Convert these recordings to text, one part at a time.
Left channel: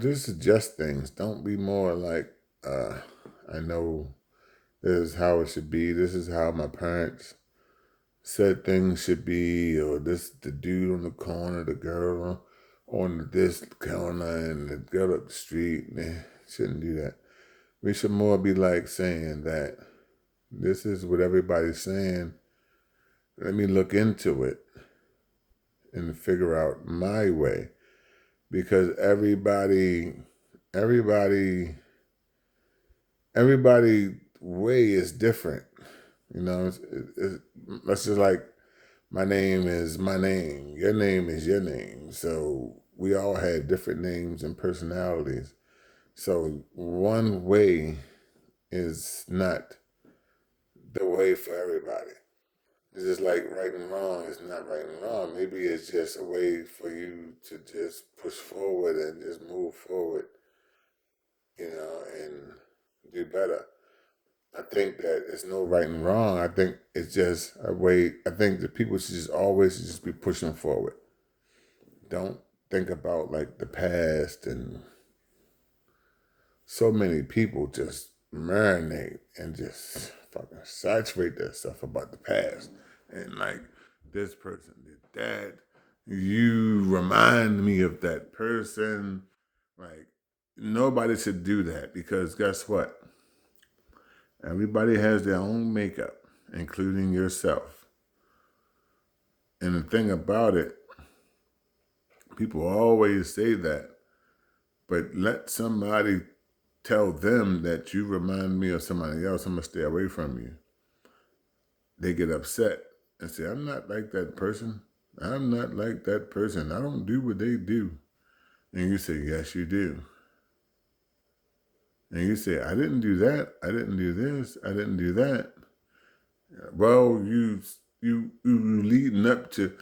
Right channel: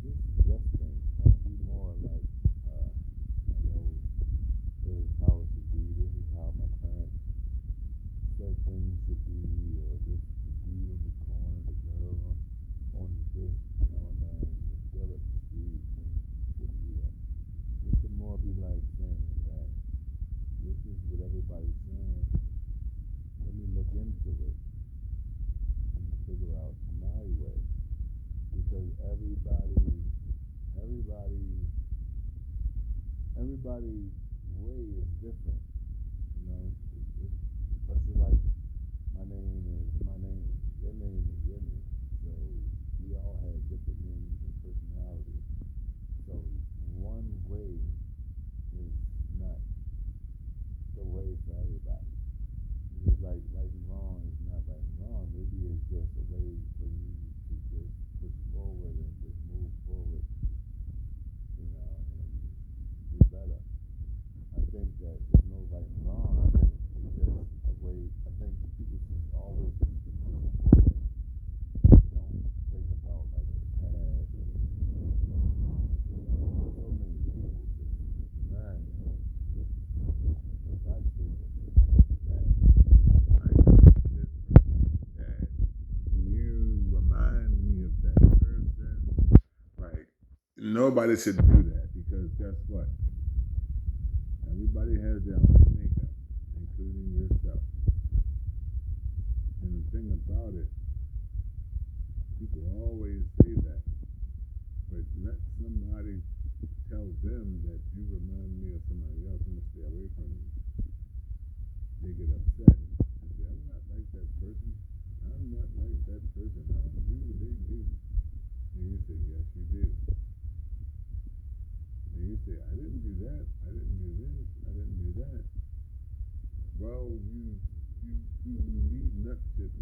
Just adjust things. Don't be more like, I know this is how it should be. This is how my parents said things should be, or this the dude on the corner, the girl on this corner, and the girl up the street. Man, shouldn't do that. We should more be like saying that this is what everybody's saying. Let me look into it and figure out my way, because everybody, everybody way is different. Let's just like my name is my name, your name is your name. So we all had different names and personalities. So one way is not the way for everybody. It's just like right and wrong is not right and wrong. Maybe it's just a way for you to just push forward and just move forward, and do better. I think that it's no right and wrong. I think it's just a way. I think that people should just always just be pushing forward. Don't think about like the past, and so many people just marinate and just fucking saturate their stuff about the past, and like this person did that. You remind me of that person. Like nobody should do that, because guess what? Everybody has their own makeup, including yourself. And the thing about it, people always say that, but let somebody tell them that you remind me of somebody else, I'm gonna stay away from you. They get upset and say, I'm not like that person. I'm not like that person. I don't do what they do. And you say, yes, you do. And you say, I didn't do that. I didn't do this. I didn't do that. Well, you leading up to,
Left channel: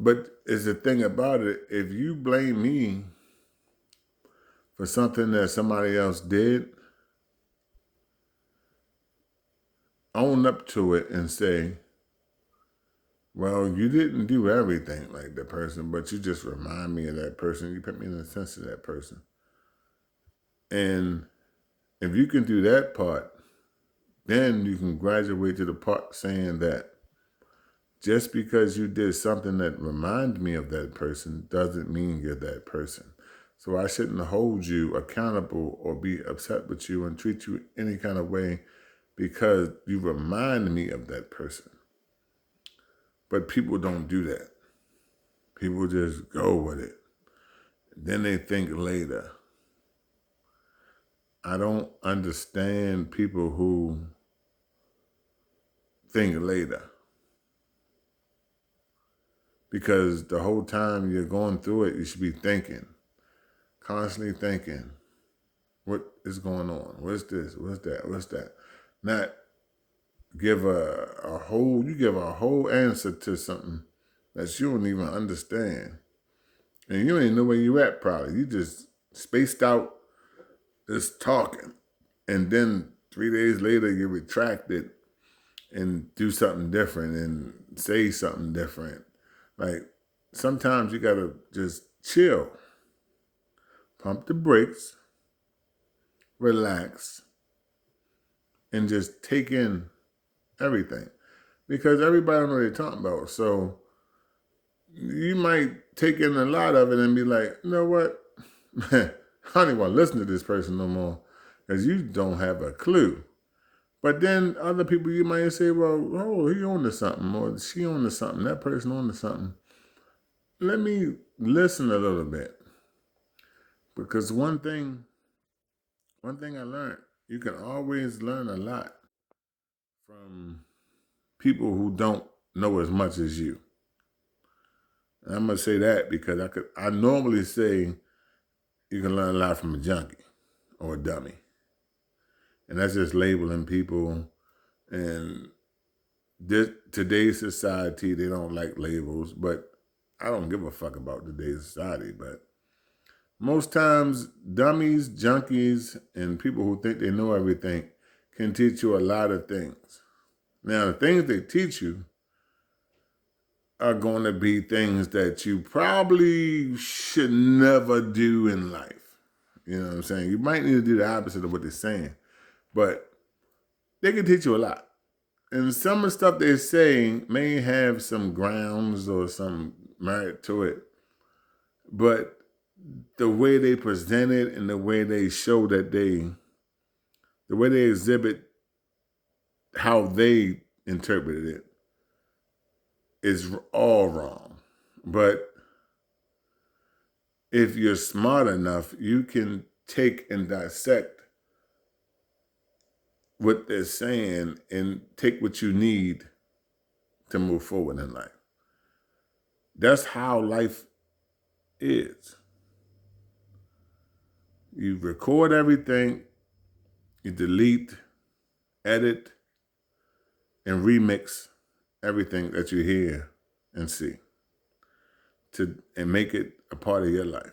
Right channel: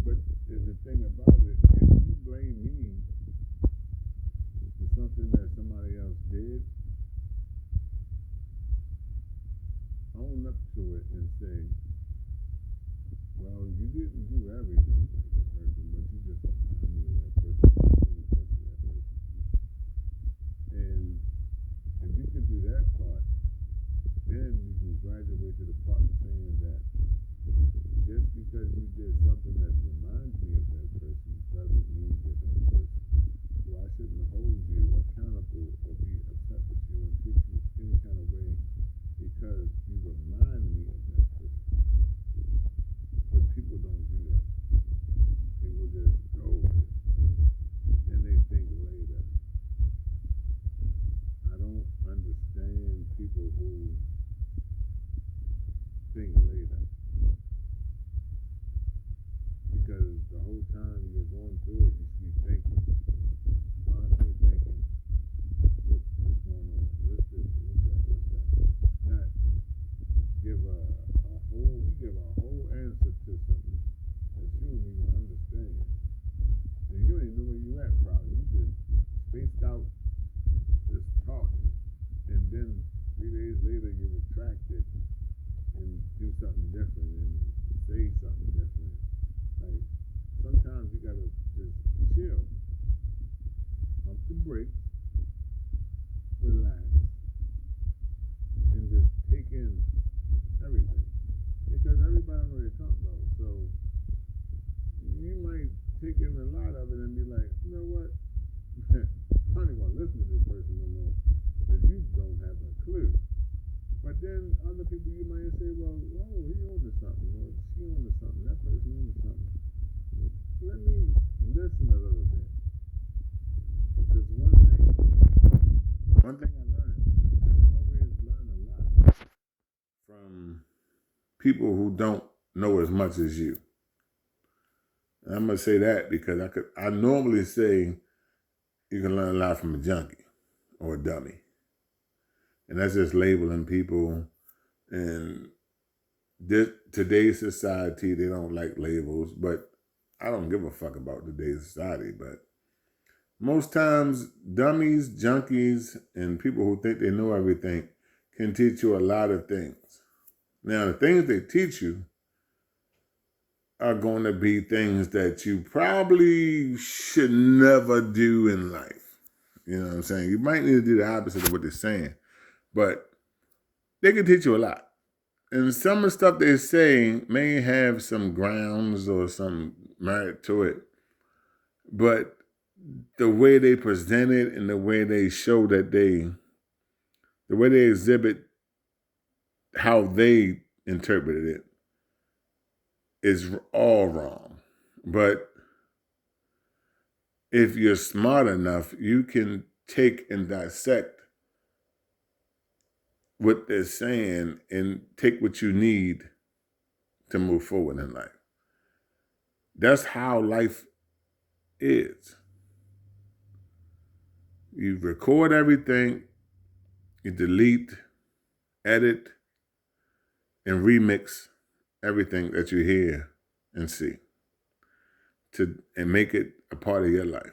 but is the thing about it, if you blame me for something that somebody else did, own up to it and say, well, you didn't do everything like that person, but you just remind me of that person. You put me in the sense of that person. And if you can do that part, then you can graduate to the part saying that just because you did something that reminded me of that person doesn't mean you're that person. So I shouldn't hold you accountable or be upset with you and treat you any kind of way because you remind me of that person. But people don't do that. People just go with it. Then they think later. I don't understand people who think later. Because the whole time you're going through it, you should be thinking, constantly thinking, what is going on? What's this? What's that? What's that? Not give you give a whole answer to something that you don't even understand. And you don't even know where you at probably. You just spaced out just talking. And then 3 days later you retract it and do something different and say something different. Like sometimes you gotta just chill, pump the brakes, relax, and just take in everything. Because everybody knows what they're talking about. So you might take in a lot of it and be like, you know what? I don't even want to listen to this person no more because you don't have a clue. But then other people you might say, well, oh, he on to something or she on to something, that person on to something. Let me listen a little bit. Because one thing I learned, you can always learn a lot from people who don't know as much as you. And I'm gonna say that because I normally say you can learn a lot from a junkie or a dummy. And that's just labeling people. And today's society, they don't like labels, but I don't give a fuck about today's society. But most times, dummies, junkies, and people who think they know everything can teach you a lot of things. Now, the things they teach you are going to be things that you probably should never do in life. You know what I'm saying? You might need to do the opposite of what they're saying, but they can teach you a lot. And some of the stuff they're saying may have some grounds or some merit to it, but the way they present it and the way they show that the way they exhibit how they interpreted it is all wrong. But if you're smart enough, you can take and dissect what they're saying and take what you need to move forward in life. That's how life is. You record everything, you delete, edit, and remix everything that you hear and see and make it a part of your life.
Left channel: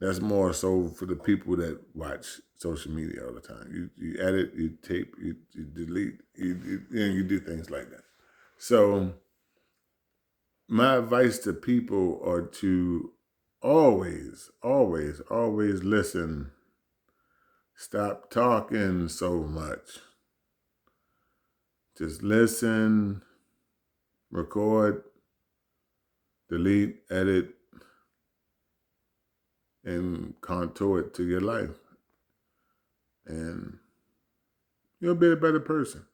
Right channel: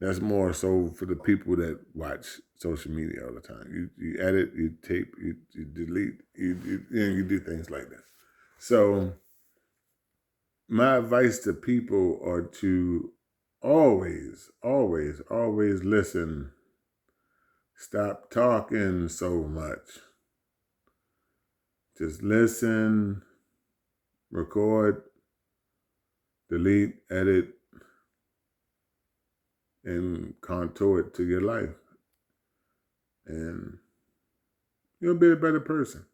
That's more so for the people that watch social media all the time. You edit, you tape, you delete, you do things like that. So my advice to people are to always, always, always listen. Stop talking so much. Just listen, record, delete, edit, and contour it to your life. And you'll be a better person.